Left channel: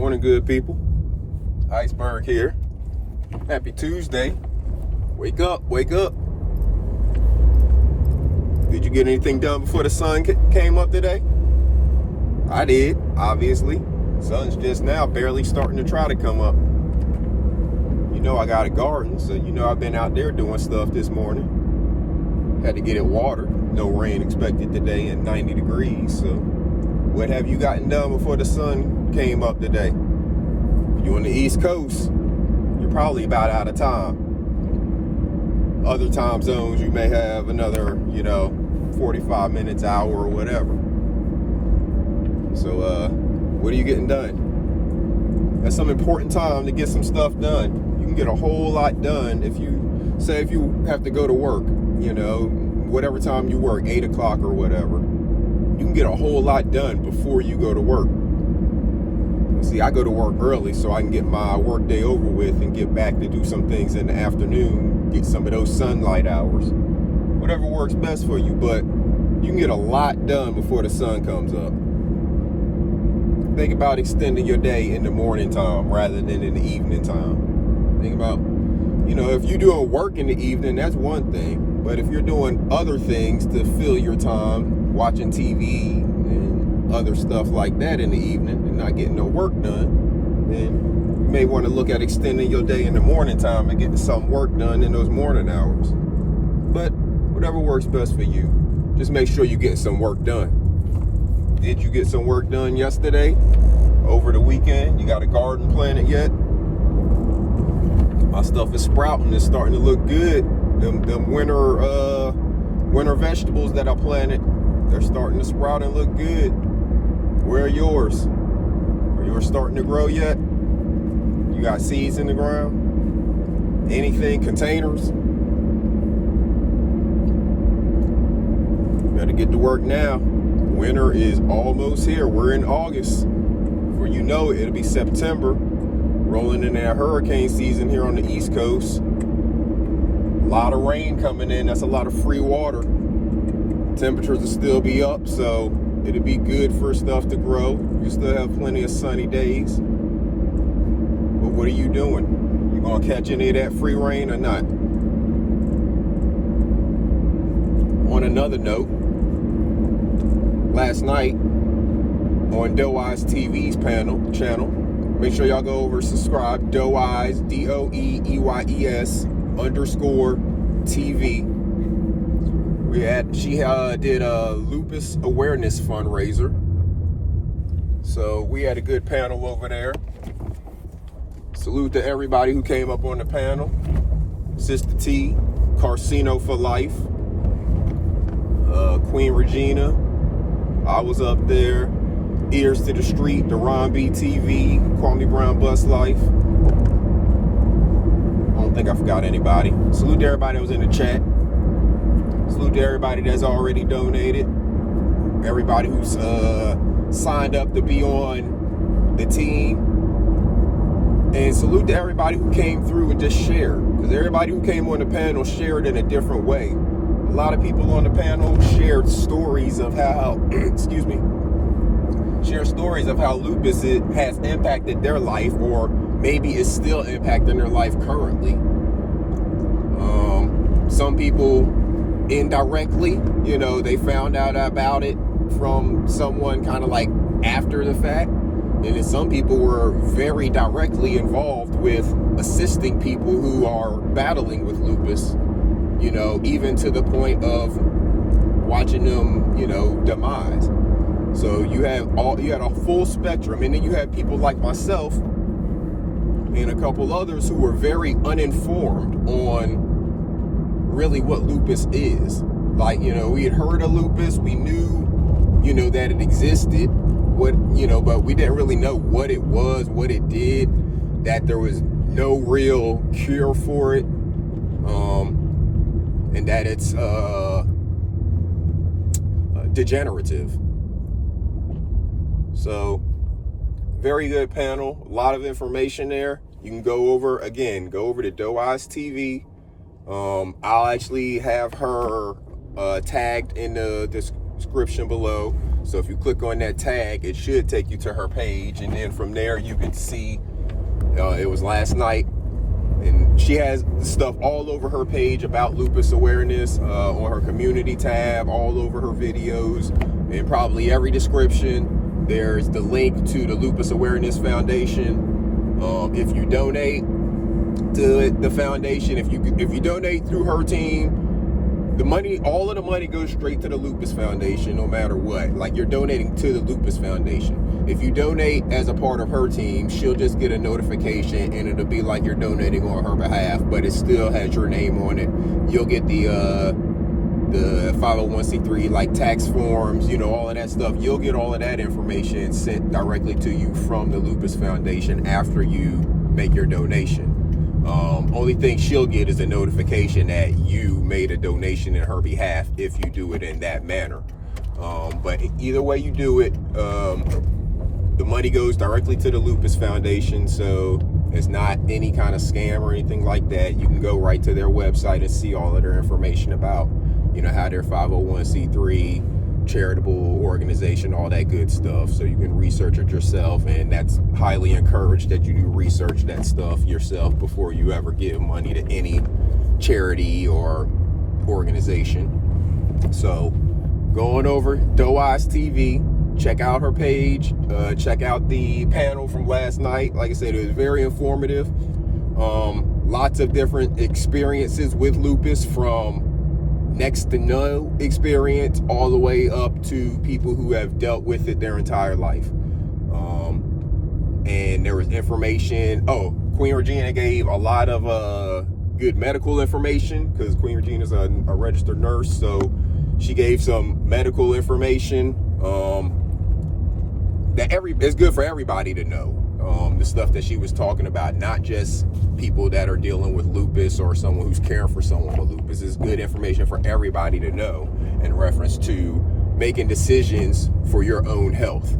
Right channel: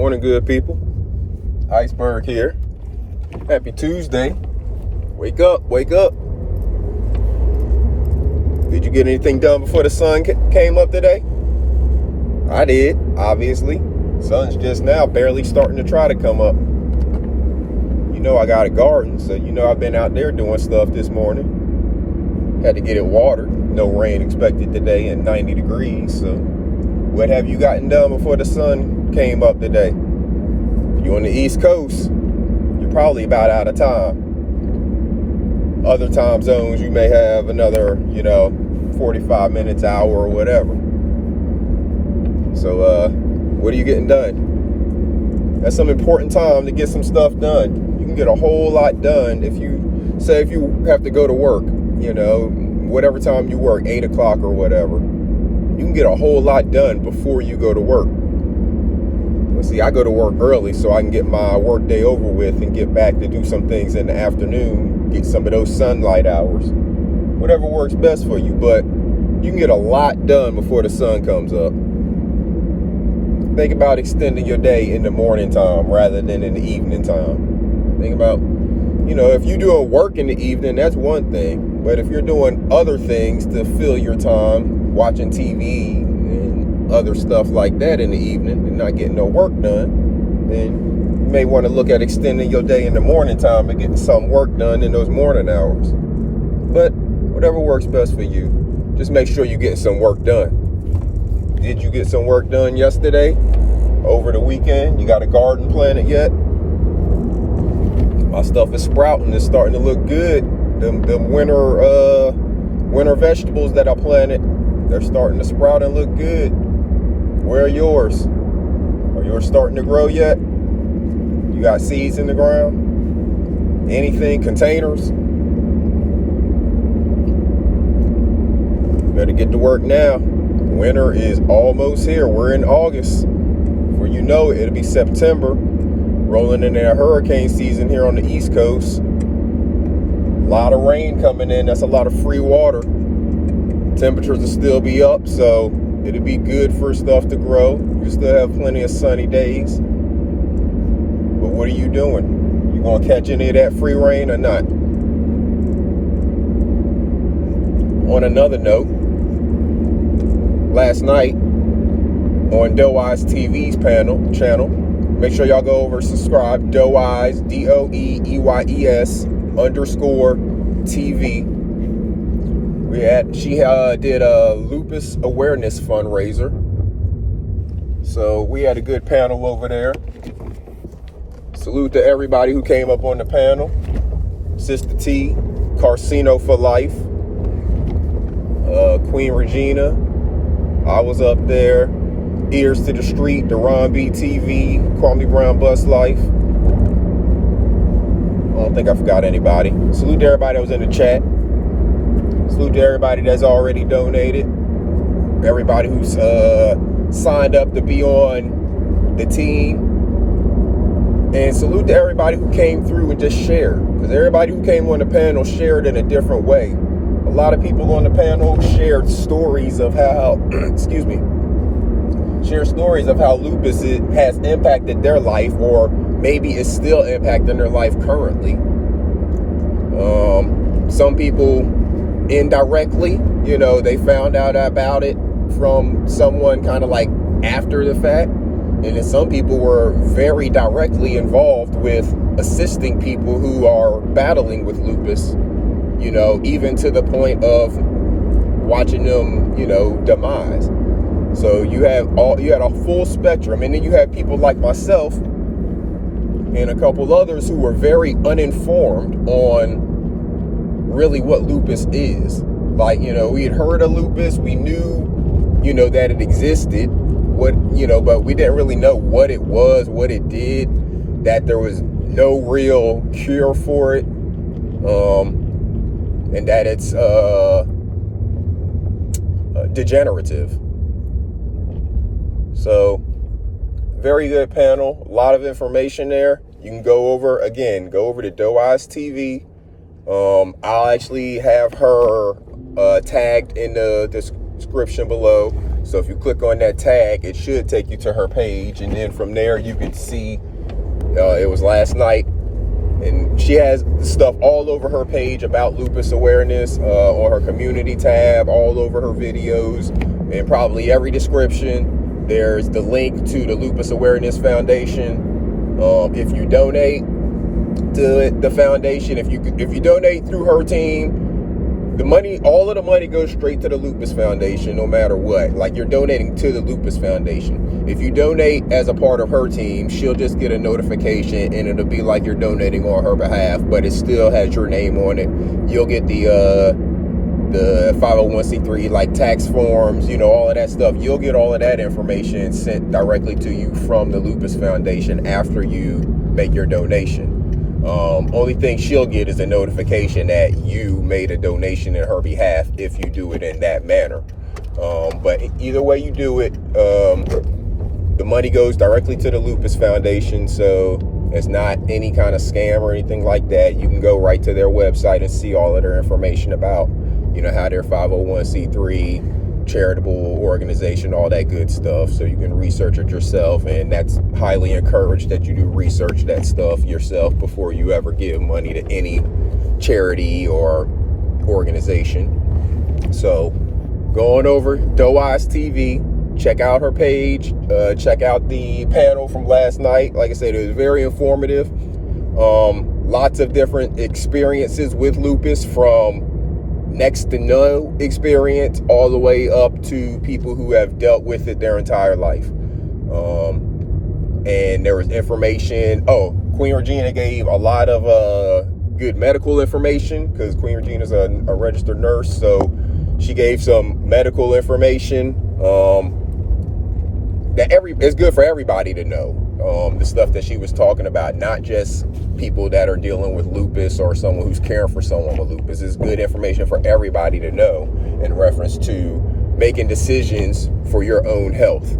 Morning, good people. Iceberg here. Happy Tuesday. Wake up, wake up. Did you get anything done before the sun came up today? I did, obviously. Sun's just now barely starting to try to come up. You know I got a garden, so you know I've been out there doing stuff this morning. Had to get it watered. No rain expected today and 90 degrees, so what have you gotten done before the sun came up today? If you're on the East Coast, you're probably about out of time. Other time zones, you may have another, 45 minutes, hour, or whatever. So, what are you getting done? That's some important time to get some stuff done. You can get a whole lot done if you have to go to work, whatever time you work, 8 o'clock or whatever. You can get a whole lot done before you go to work. But see, I go to work early so I can get my work day over with and get back to do some things in the afternoon, get some of those sunlight hours. Whatever works best for you, but you can get a lot done before the sun comes up. Think about extending your day in the morning time rather than in the evening time. Think about, if you're doing work in the evening, that's one thing. But if you're doing other things to fill your time, watching TV and other stuff like that in the evening and not getting no work done, then you may want to look at extending your day in the morning time and getting some work done in those morning hours. But whatever works best for you, just make sure you're getting some work done. Did you get some work done yesterday? Over the weekend? You got a garden planted yet? My stuff is sprouting. It's starting to look good. Them winter vegetables that I planted, they're starting to sprout and look good. Where are yours? Are yours starting to grow yet? You got seeds in the ground? Anything? Containers? Better get to work now. Winter is almost here. We're in August. Before you know it, it'll be September. Rolling into that hurricane season here on the East Coast. A lot of rain coming in. That's a lot of free water. Temperatures will still be up, so it'll be good for stuff to grow. You still have plenty of sunny days. But what are you doing? You gonna catch any of that free rain or not? On another note, last night on Doe Eyes TV's channel, make sure y'all go over and subscribe. Doe Eyes, DOEEYES _TV. She did a lupus awareness fundraiser. So we had a good panel over there. Salute to everybody who came up on the panel. Sister T, Carcino for Life. Queen Regina. I was up there. Ears to the Street, Deron B TV, Kwame Brown Bus Life. I don't think I forgot anybody. Salute to everybody that was in the chat. Salute to everybody that's already donated. Everybody who's signed up to be on the team. And salute to everybody who came through and just shared. Because everybody who came on the panel shared in a different way. A lot of people on the panel shared stories of how, share stories of how lupus has impacted their life, or maybe is still impacting their life currently. Some people indirectly, they found out about it from someone kind of like after the fact. And then some people were very directly involved with assisting people who are battling with lupus, even to the point of watching them, demise. So you had a full spectrum, and then you had people like myself and a couple others who were very uninformed on really what lupus is. Like, we had heard of lupus, we knew, that it existed, but we didn't really know what it was, what it did, that there was no real cure for it, and that it's degenerative. So, very good panel. A lot of information there. You can go over to Doe Eyes TV. I'll actually have her tagged in the description below. So if you click on that tag, it should take you to her page, and then from there you can see it was last night, and she has stuff all over her page about lupus awareness, on her community tab, all over her videos, and probably every description there's the link to the Lupus Awareness Foundation. If you donate to the foundation, if you donate through her team, the money, all of the money goes straight to the Lupus Foundation, no matter what. Like, you're donating to the Lupus Foundation. If you donate as a part of her team, she'll just get a notification, and it'll be like you're donating on her behalf, but it still has your name on it. You'll get the 501c3 like tax forms, you know, all of that stuff. You'll get all of that information sent directly to you from the Lupus Foundation after you make your donation. Only thing she'll get is a notification that you made a donation in her behalf if you do it in that manner. But either way you do it, the money goes directly to the Lupus Foundation, so it's not any kind of scam or anything like that. You can go right to their website and see all of their information about, you know, how they're 501c3 charitable organization, all that good stuff. So you can research it yourself, and that's highly encouraged that you do research that stuff yourself before you ever give money to any charity or organization. So going over Doe Eyes TV, check out her page, check out the panel from last night. Like I said, it was very informative. Lots of different experiences with lupus, from next to no experience all the way up to people who have dealt with it their entire life. And there was information. Queen Regina gave a lot of good medical information, because Queen Regina is a registered nurse, so she gave some medical information that it's good for everybody to know. The stuff that she was talking about, not just people that are dealing with lupus or someone who's caring for someone with lupus. It's good information for everybody to know in reference to making decisions for your own health.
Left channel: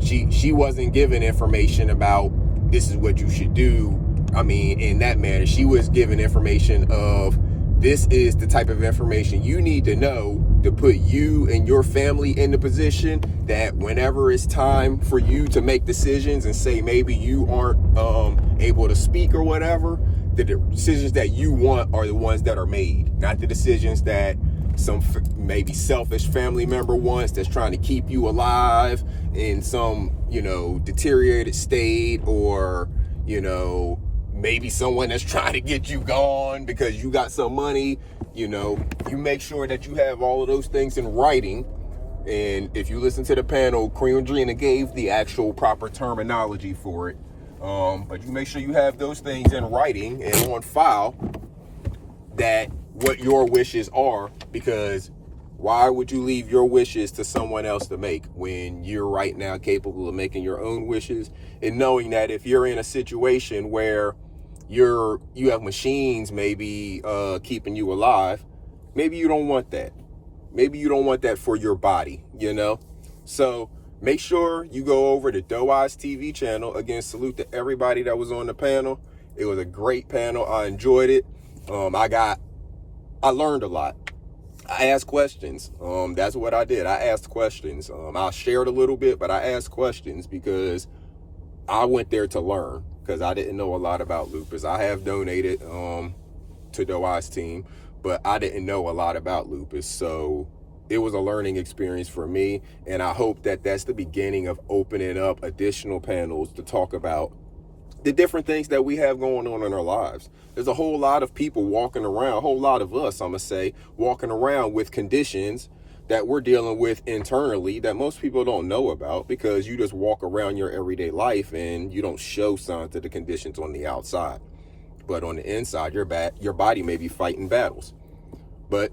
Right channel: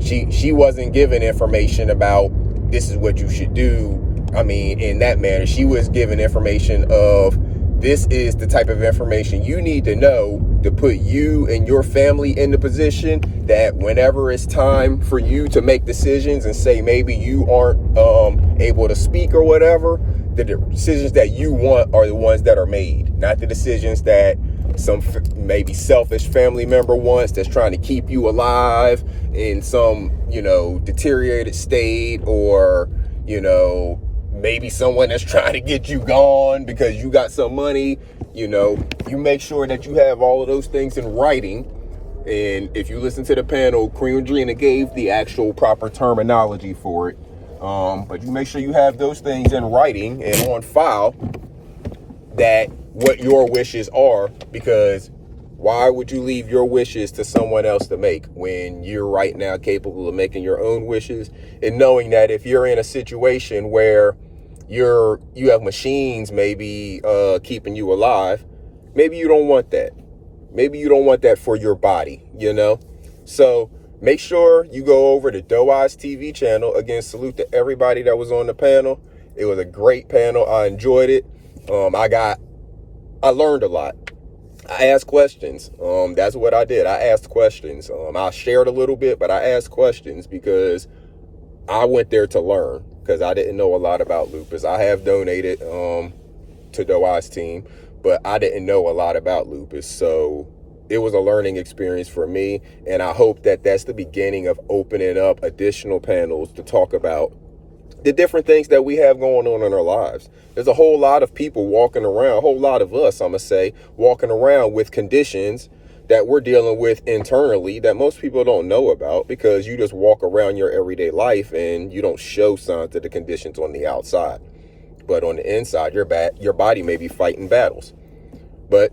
She wasn't giving information about this is what you should do. I mean, in that manner, she was giving information of this is the type of information you need to know to put you and your family in the position that whenever it's time for you to make decisions, and say maybe you aren't able to speak or whatever, the decisions that you want are the ones that are made, not the decisions that some maybe selfish family member wants, that's trying to keep you alive in some, you know, deteriorated state, or, you know, maybe someone that's trying to get you gone because you got some money. You know, you make sure that you have all of those things in writing. And if you listen to the panel, Queen Regina gave the actual proper terminology for it. But you make sure you have those things in writing and on file, that what your wishes are, because why would you leave your wishes to someone else to make when you're right now capable of making your own wishes, and knowing that if you're in a situation where you have machines maybe keeping you alive, maybe you don't want that. Maybe you don't want that for your body, you know? So make sure you go over to Doe Eyes TV channel. Again, salute to everybody that was on the panel. It was a great panel. I enjoyed it. I learned a lot. I asked questions. That's what I did. I asked questions. I shared a little bit, but I asked questions because I went there to learn, because I didn't know a lot about lupus. I have donated to Doe Eyes team, but I didn't know a lot about lupus. So it was a learning experience for me, and I hope that that's the beginning of opening up additional panels to talk about the different things that we have going on in our lives. There's a whole lot of people walking around, a whole lot of us, I'm gonna say, walking around with conditions that we're dealing with internally that most people don't know about, because you just walk around your everyday life and you don't show signs of the conditions on the outside. But on the inside, your body may be fighting battles. But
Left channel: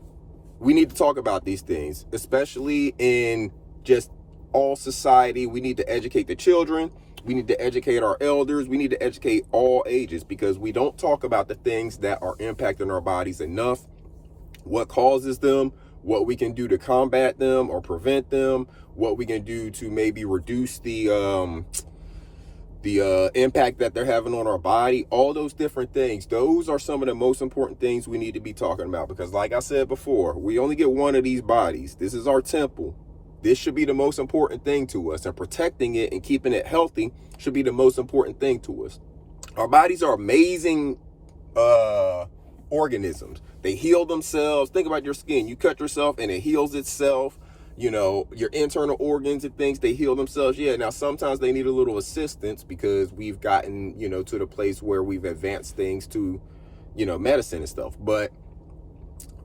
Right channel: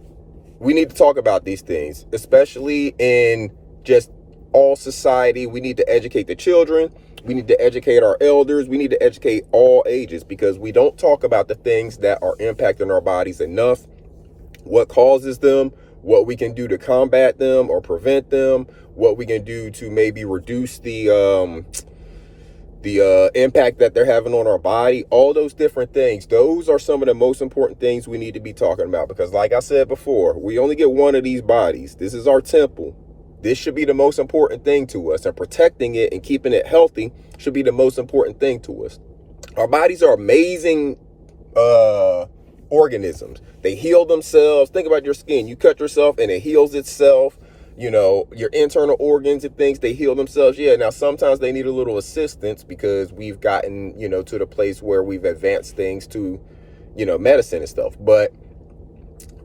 we need to talk about these things, especially in just all society. We need to educate the children. We need to educate our elders. We need to educate all ages, because we don't talk about the things that are impacting our bodies enough, what causes them, what we can do to combat them or prevent them, what we can do to maybe reduce the impact that they're having on our body, all those different things. Those are some of the most important things we need to be talking about, because like I said before, we only get one of these bodies. This is our temple. This should be the most important thing to us, and protecting it and keeping it healthy should be the most important thing to us. Our bodies are amazing organisms. They heal themselves. Think about your skin. You cut yourself and it heals itself. You know, your internal organs and things, they heal themselves. Yeah, now sometimes they need a little assistance because we've gotten, you know, to the place where we've advanced things to, you know, medicine and stuff. But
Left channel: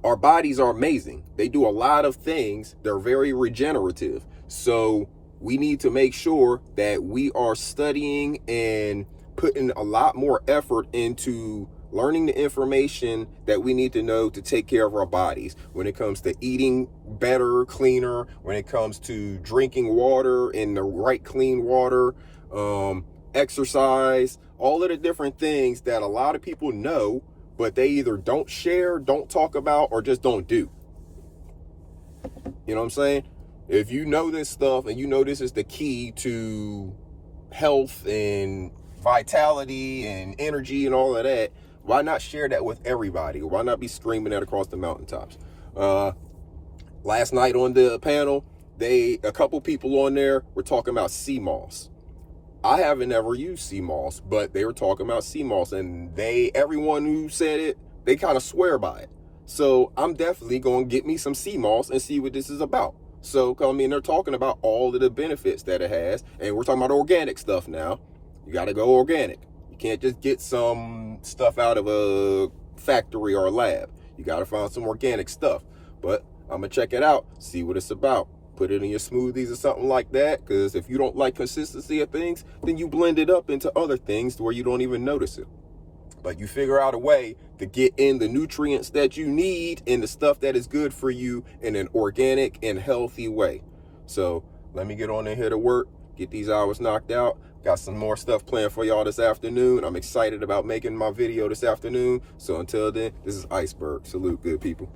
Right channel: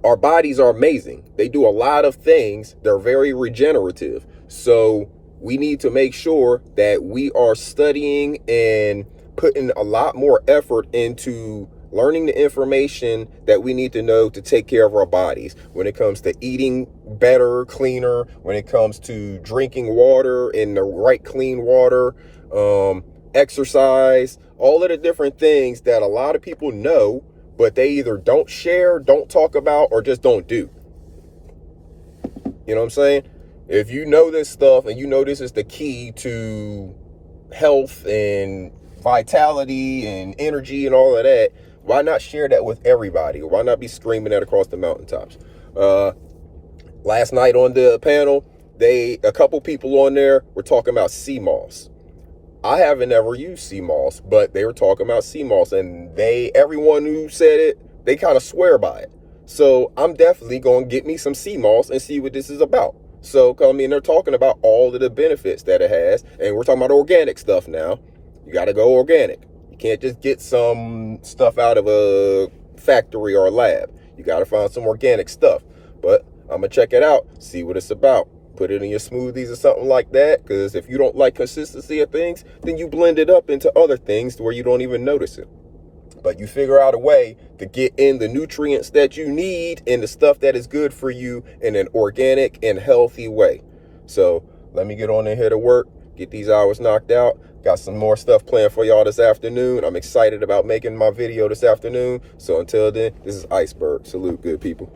our bodies are amazing. They do a lot of things. They're very regenerative. So we need to make sure that we are studying and putting a lot more effort into learning the information that we need to know to take care of our bodies when it comes to eating better, cleaner, when it comes to drinking water in the right clean water, exercise, all of the different things that a lot of people know, but they either don't share, don't talk about, or just don't do. You know what I'm saying? If you know this stuff and you know this is the key to health and vitality and energy and all of that, why not share that with everybody? Why not be screaming that across the mountaintops? Last night on the panel, a couple people on there were talking about sea moss. I haven't ever used sea moss, but they were talking about sea moss, and everyone who said it, they kind of swear by it. So I'm definitely going to get me some sea moss and see what this is about. So, I mean, they're talking about all of the benefits that it has, and we're talking about organic stuff now. You got to go organic. You can't just get some stuff out of a factory or a lab. You got to find some organic stuff. But I'm going to check it out, see what it's about. Put it in your smoothies or something like that, because if you don't like consistency of things, then you blend it up into other things to where you don't even notice it. But you figure out a way to get in the nutrients that you need and the stuff that is good for you in an organic and healthy way. So let me get on in here to work, get these hours knocked out. Got some more stuff planned for y'all this afternoon. I'm excited about making my video this afternoon. So until then, this is Iceberg. Salute, good people.